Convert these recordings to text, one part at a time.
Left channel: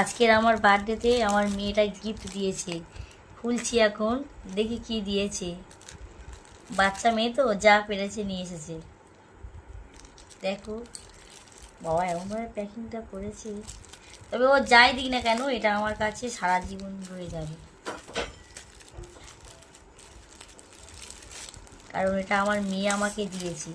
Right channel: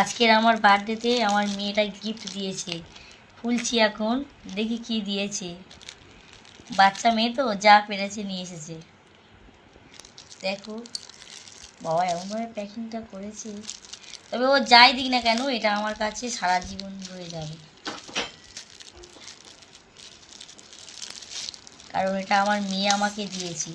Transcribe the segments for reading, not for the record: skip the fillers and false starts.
আজকের আমার বার্থডেতে আমার মেয়েটা গিফট দিয়েছে। খুলছি এখন, দেখি কি দিয়েছে। বাচ্চা মেয়ে তো যা পেরেছে নিয়ে এসেছে। দেখো বাবা এমনভাবে প্যাকিংটা করেছে, তবে ও যাই দিক না কেন এটা আমার কাছে সারা জীবন রয়ে যাবে, কারণ এটা আমার মেয়ে আমাকে দিয়েছে।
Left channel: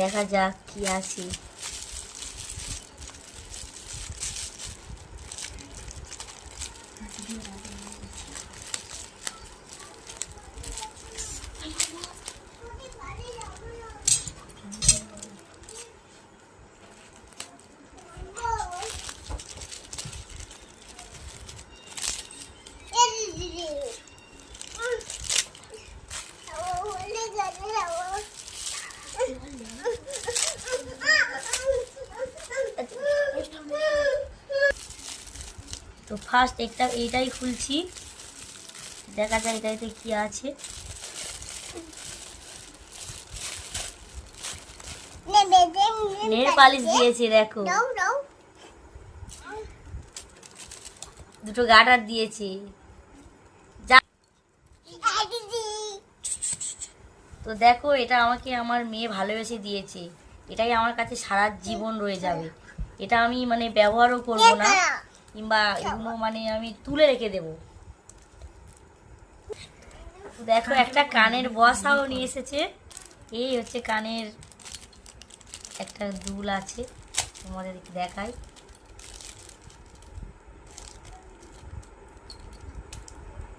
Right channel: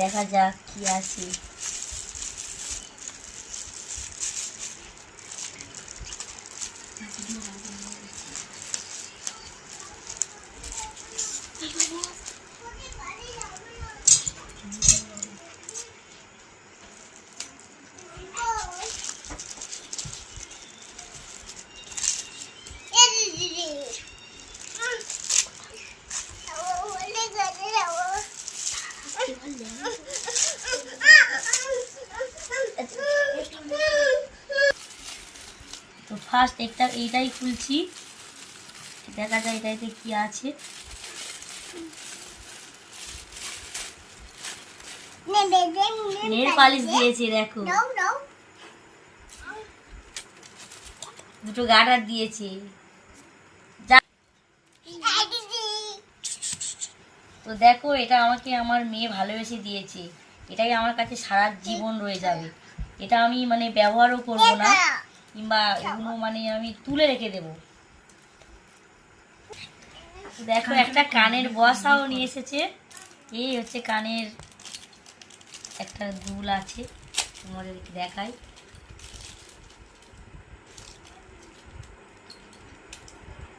দেখা যাক কি আছে। তো ফার্স্ট এইটাই খুলছি, দেখা যায় এটাতে কি আছে। নেল পালিশ দিয়েছে, দেখো দুটো গার্ডার দিয়েছে। তো দেখো এটা আমাকে আমার মেয়ে ভালোবেসে দিয়েছে, এটাই আমার কাছে সারা জীবন রয়ে যাবে। এটা আমি মানে ব্যবহারও করব না, কিংবা এগুলো মানে আমি তুলে রেখে দেব। দেখো একটা কানের বসাও নিয়ে এসেছে। এই হচ্ছে কানের একটা দুল আছে, তোমাদের দেখাই।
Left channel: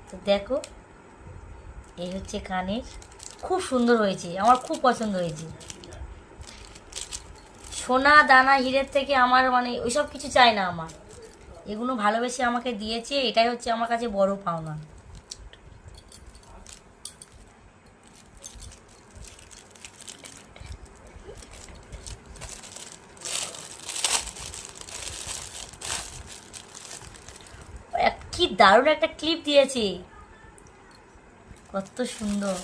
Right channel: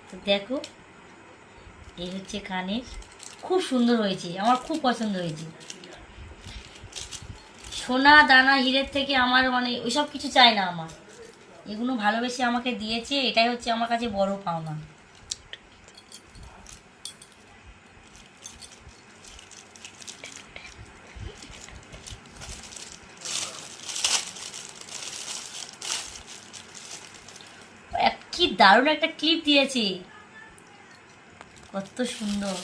তো দেখো এই হচ্ছে কানের, খুব সুন্দর হয়েছে, আমার খুব পছন্দ হয়েছে। সোনা দানা হীরের থেকে আমার মানে ওইসব কিছু চাই না, আমার এগুলো ভালোবেসে আমাকে দিয়েছে, এটাই হচ্ছে আমার কাছে বড় পাওনা। কি দারুণ একটা ক্লিপ দিয়েছে, কত সুন্দর।